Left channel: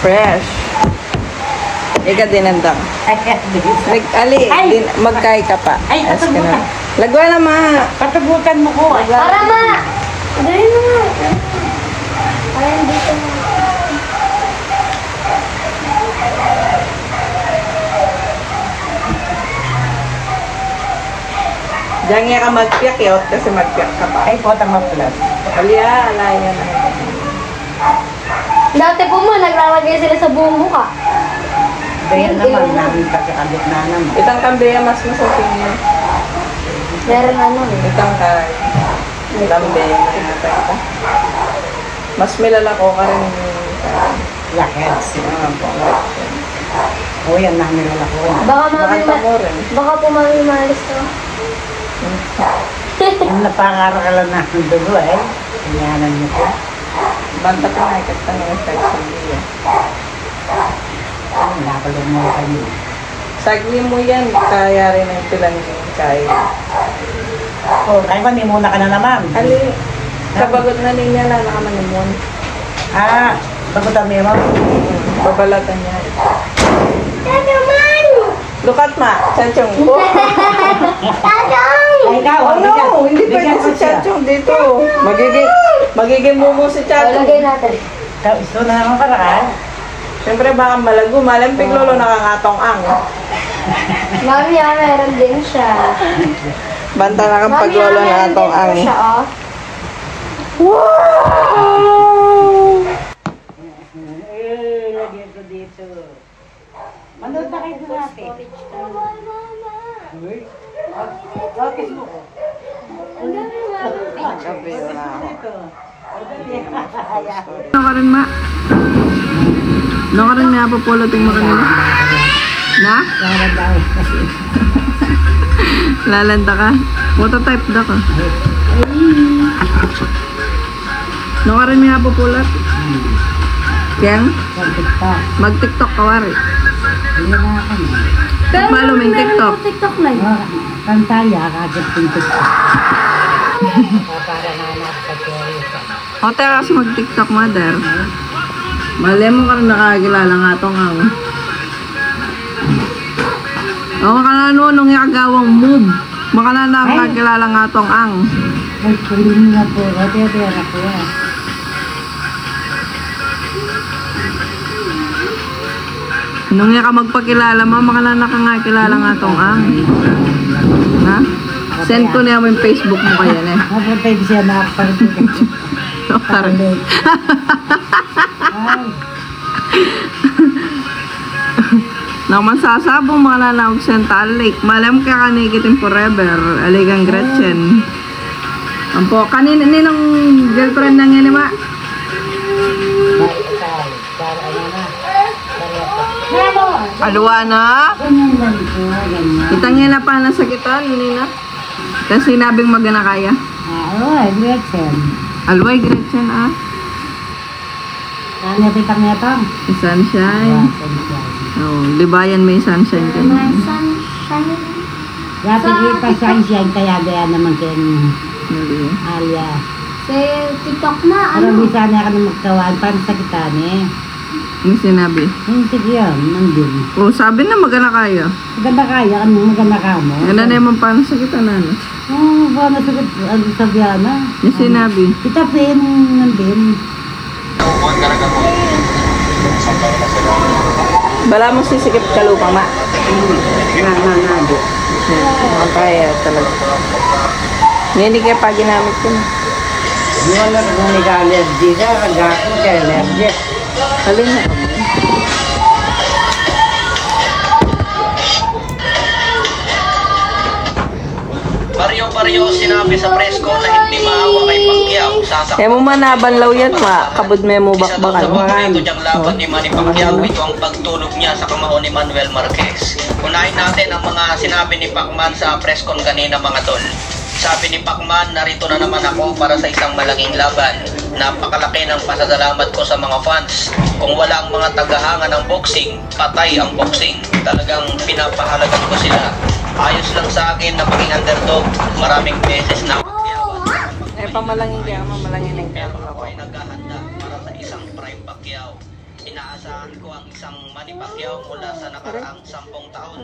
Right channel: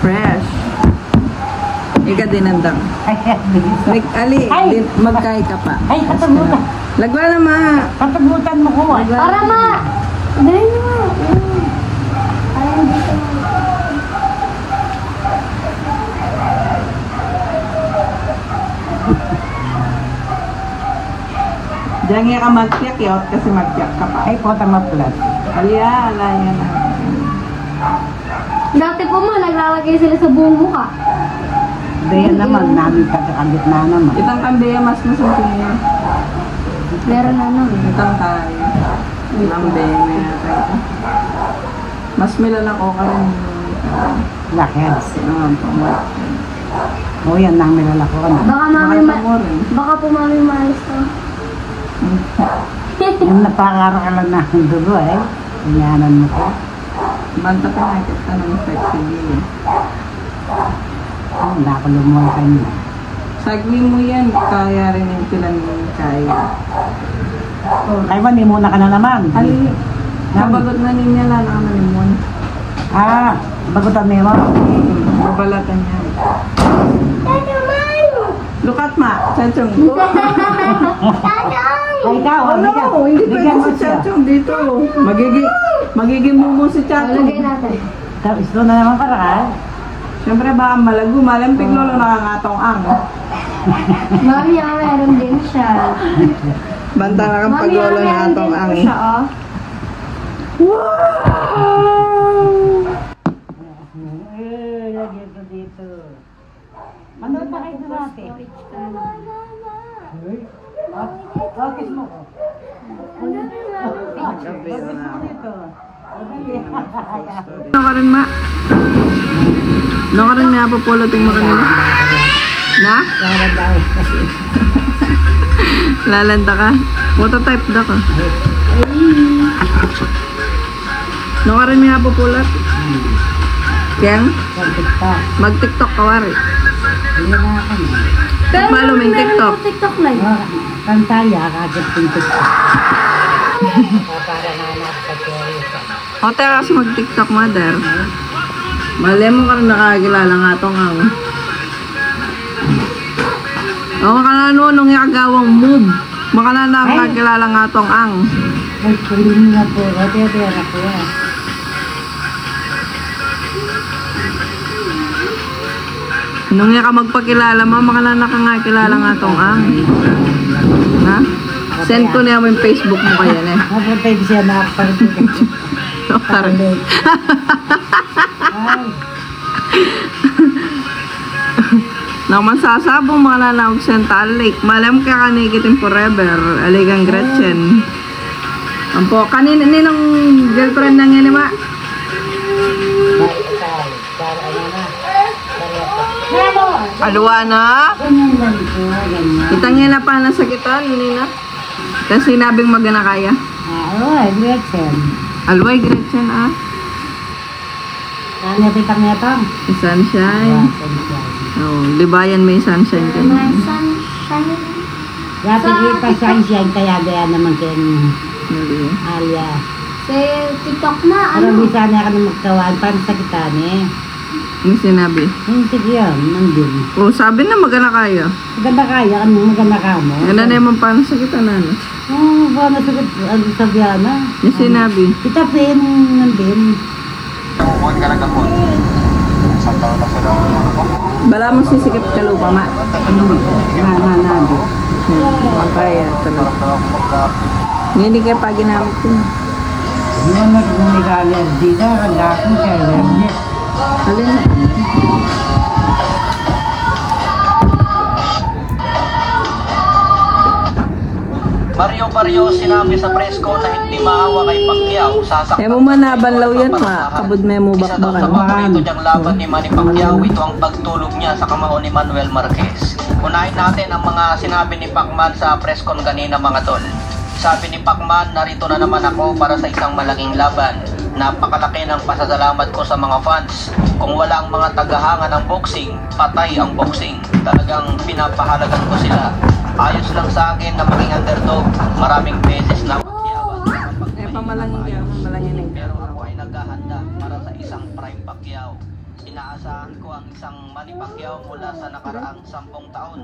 Fresh. Ika dinanda. Ali, magkay ka pa. Ay, patagutan. Lagwa na ma. Patagutan mo ko. Para ma. Dali na ma. Para dito ma. Diyan nga ka magpiyak yot kasi magpiyak ka pa. Ay, pota maplas. Alya, alaya na. Dati po ma, naglalagay sila sa buong mukha. Daya naman, namin pagkakabit na naman. Itang kambeya mas masungking yan. Meron ano. Itang kay lambe na itang ita. Mas milalako ka rin Blackheads. pang white yan. O yan, namin lalako ka na. Baka mami Makanta mo rin. baka po mami maalis ka. Yung napangaro ka lang na ang dugo eh. Tinyanan niyo po. Banta pa na ikat pa ng effect sa giyo. Ay, nakalumol ka niyo. Sagli mo yan, kaya rin ang pilang kaya. Oh, ay ba, muna ka na naman. Ali, kabagot na niya lang naman nimon. Ah, bagutan mo mo. Babalatan yan. Look at ma, Chanchong. Ay, ikaw, Hindi bigyan pa mo si siya. Chanchong dito. Magiging mumu si Chanchong. Lagay natin. Ikaw, isto na naman paraan. Siyempre baka malago, malampig lolo nakangatong ang. Mami, meron din siya. Banta na kang Mami, paglolo meron na din atong po ang. siya, oh. Wow! Dito. Manood na kayo sa atin. Kiss mo ko. Ano ka rin ma? Ano ka rin napapulutin mo kanila? Na? Lalanda ka? Phototype da ka? Ano ka rin napapulot? Keng? Mag-tiktok ka wari. Follow mo yung TikTok. TikTok live. Kantaya, kagad yung TikTok. Para na sa O, tera kasi mag-tiktok, mother. Mali mo ka rin nakakilala nga itong ang. O, makanano nung ikagawang move. Makanano nakakilala nga itong ang. Ay, kuling na po. Tera po. Nung ka magpakilala mo, makanano ka nga kilala nga itong ang. Ha? Send ko niya mo yung Facebook mo kaya eh. Napunta yung siya nakapagpagpag. Parang. Naman sasabong mga nanawag Central Lake. Malam ka kanikitin forever. Aligang Gretchen. Ampo, kanina ninong girlfriend na nga ma? Alwa na? Itangin na pa na sakitan, nina. Kasi sinabing magana kaya. Oo, Gretchen. Alway, Gretchen ah. Ano pitang netong? Sunshine. Oh, di ba yan may sunshine ka? Sunshine. Dati kita sunshine kaya gaya naman kayo Alia. Sa TikTok na, Pero ano? bisa na ka na magkawan para sa kita ni. Yung sinabi. Hindi yan, nandun. Oh, sabi na magana kaya. Maganda kaya, ano maganda ka mo? Ganda na yung paano sa kita na. Oo, ba nasagot, ano sabi na? Yung sinabi. Kita pin, nandun. Bala mo sisikip ka lupa, ma. Nado. Makakaya talaga. Hindi kayo pa ginamit ko na. Yun na kung nag-allergy ka, nag-ako sa allergy. Halin mo. Baryo-baryo sinabi sa presko na hindi maawa kay Pacquiao. Kaya mo manabanlaw yan, ma. Kabod may mo Isa daw sa bakbakan. paborito niyang laban ni Manny Pacquiao, ito ang pagtulog niya sa kamao ni Manuel Marquez. Unahin natin ang mga sinabi ni Pacman sa preskon kanina mga tol. Sabi ni Pacman, narito na naman ako para sa isang malaking laban. Napakalaki ng pasasalamat ko sa mga fans. Kung wala ang mga tagahanga ng boxing, patay ang boxing. Talagang pinapahalagan ko sila. Ayos lang sa akin na maging underdog. Maraming beses na Eh, pamalangin kaya, mamalangin yung kaya. pero ako ay naghahanda para sa isang prime Pacquiao. Inaasahan ko ang isang Manny Pacquiao mula sa nakaraang 10 taon.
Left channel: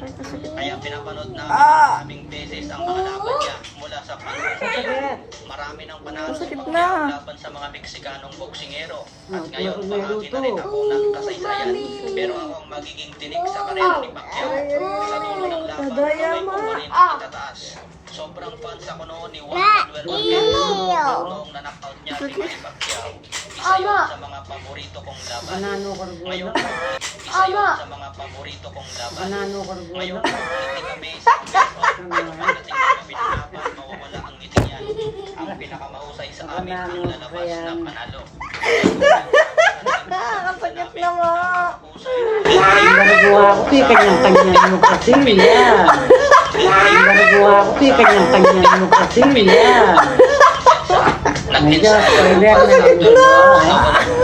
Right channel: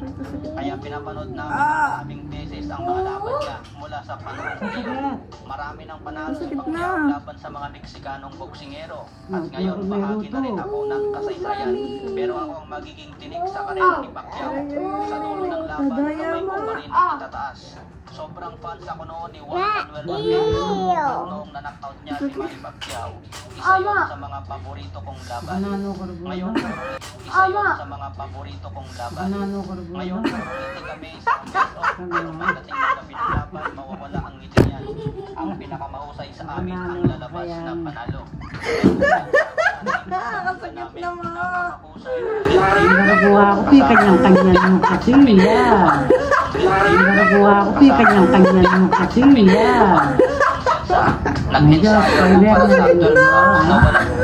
Kaya pinapanood namin maraming beses ang mga laban niya mula sa panahon. Marami ng panalo si Pacquiao laban sa mga Meksikanong boksingero. At ngayon bahagi na rin ako ng kasaysayan. Pero ako ang magiging tinik sa karera ni Pacquiao. Sa dulo ng laban, kamay ko pa rin ang itataas. Sobrang fans ako noon ni Juan Manuel Marquez noong na-knockout niya si Manny Pacquiao. Isa yun sa mga paborito kong laban. Ngayon, isa yun sa mga paborito kong laban. Ngayon, ngiti kami sa best of. Pagdating na kami ng laban, mawawala ang ngiti niya. Ang pinakamahusay sa amin ang lalabas na panalo. Ang garagawa ko, kanyang-kanyan mo kasi, yan. Ang garagawa ko, kanyang-kanyan mo kasi, yan. Ay, Diyos, pwede na lang ito.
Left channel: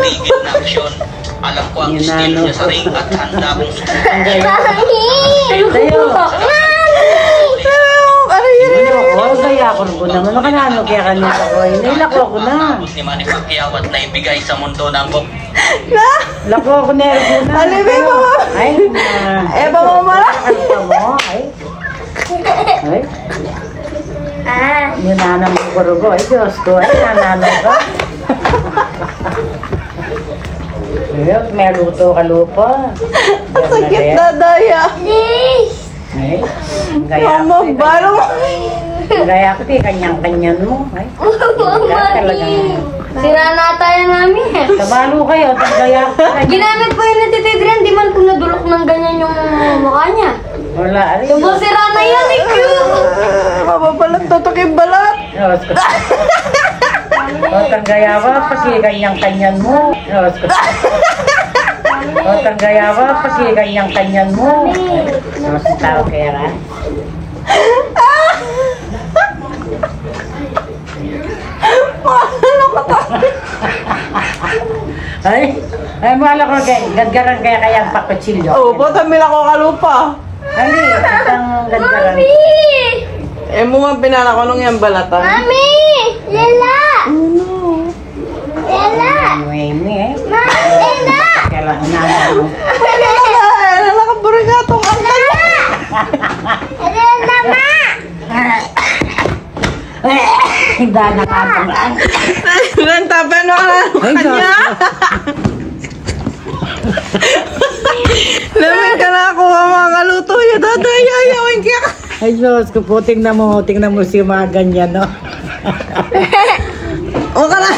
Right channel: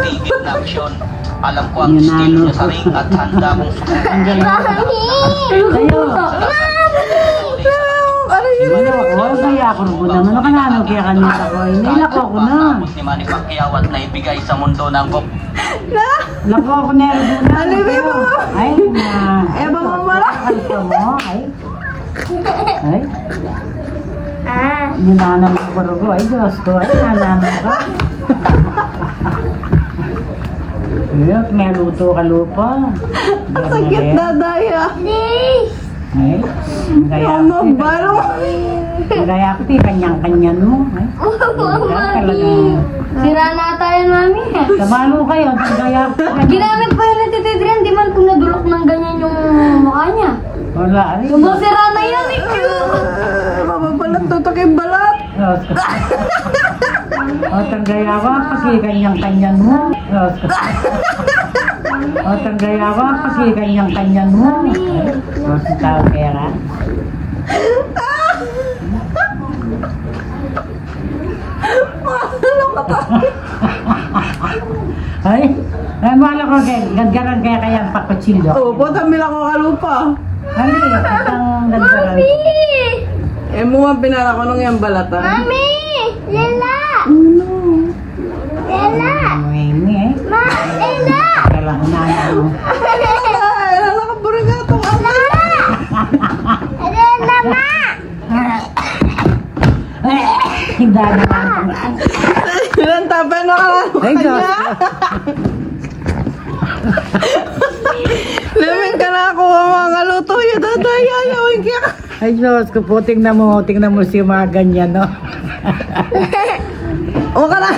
Tigil na aksyon. Alam ko ang style niya sa ring at handa kong susunod. Ang gaya. Tayo. Oh, gaya ko rin po naman. Ano ka na, ano kaya kanina ko? Nailako ako na. Ni Manny Pacquiao at naibigay sa mundo ng bok. Lako ako na rin po na. Ay, ay, bumamara. Ay, ay. Yung nanam ko ko. Ay, Diyos ko. Ay, nananam ko. Ayot, may luto ka lupa. Sakit na, Daya. Ay, ang gaya ko. Ang gaya ko, kanyang-kanyan mo. Ay, talagang... Sira na tayo namin eh. Tabalo kayo, ang gaya ko. Ginamit pa yun na Tito Adrian, di man po nadulok ng ganyan yung mukha niya. Wala, ano yun? Yung sira na yan, eh, cute! Mababalat tutok yung balat. O, tanggaya ko, pasi kanyang-kanyan mo. O, tanggaya ko, pasi kanyang-kanyan mo. Ay, masang tao kera. Ay, mala ko kay, gadgaran kaya ang pakutsilyo. Oo, tamil ako kalupa. Hindi, itang gadgaran. Eh, mo nga pinala ko nung yung balatan. Mami! Lala! Lala! Ini eh. Lala! Kailan hinanalo. Ay, nalakaburi ka itong angkat. Lala, ma! Dana nga itong Ilan tapen mo ka na Ay, kanya. Lamig ka na ako ang mga kaluto niya. Daday, ayamin ka. Ay, Diyos ko po, tingnan mo si mga ganyan, no? O ka na.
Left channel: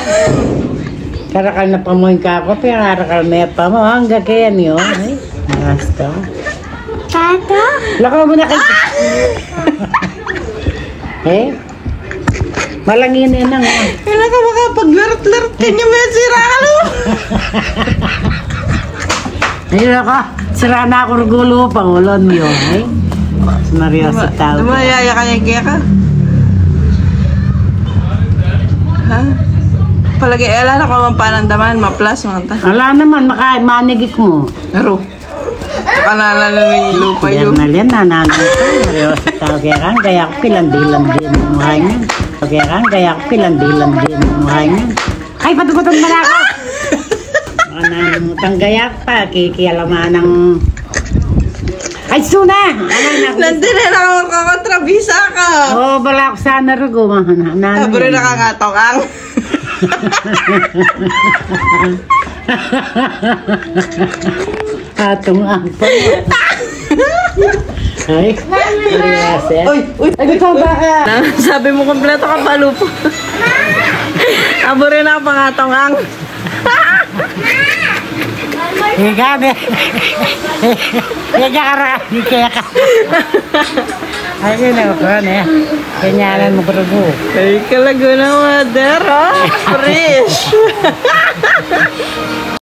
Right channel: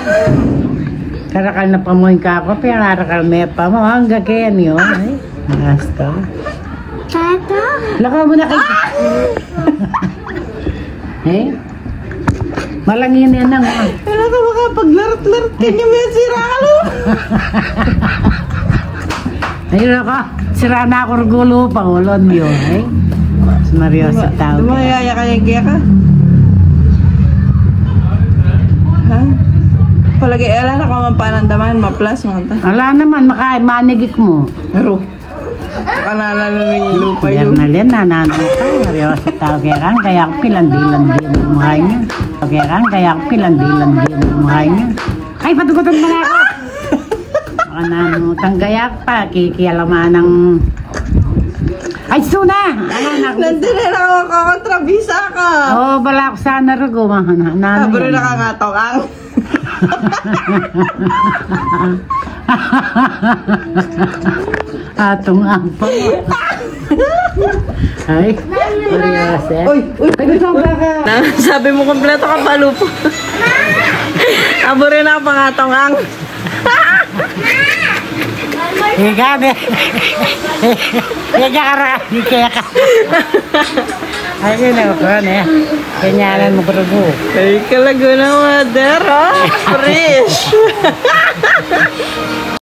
Karakal na pamuhin ka ako, pero karakal may pa mo, hanggang kaya niyo. Ay, naras ka. Tato? Lakaw mo na kayo. Eh? Malangin yan lang. Kailan ka makapaglarat-larat ka niyo may sira ka no? Ayun ako, sira na ako rugulo pa, ulon mo yun. Eh? Mario si tao. Dumayaya ka yung kaya ka. Ha? Palagi, ala na ka mapanandaman, ma-plus mo ta. Wala naman, manigik mo. Pero, kanana na ng lupa yun. Yan na, nanalo ka. Mario si tao kaya ko pilandilan din ang muhay niya. Kaya ko pilandilan din ang muhay niya. Ay, patugutan mo na ako! Kananutang gayak pa, kikialaman ng... Ay, suna! Nandun na lang ako kontrabisa ka. Oo, bala ako sana rugo. Kabro na kangatong ang. Atong ang pa. Ay, ay, ikaw ba ka? Sabi mo kompleto ka pa, Lupo. Abo rin ako pangatong ang. Ika, ne. Ika ka ra. Ika ka. Ay, yun ako, ne. Kanyalan mo rugo. Ay, kalago na, mother, oh. Fresh.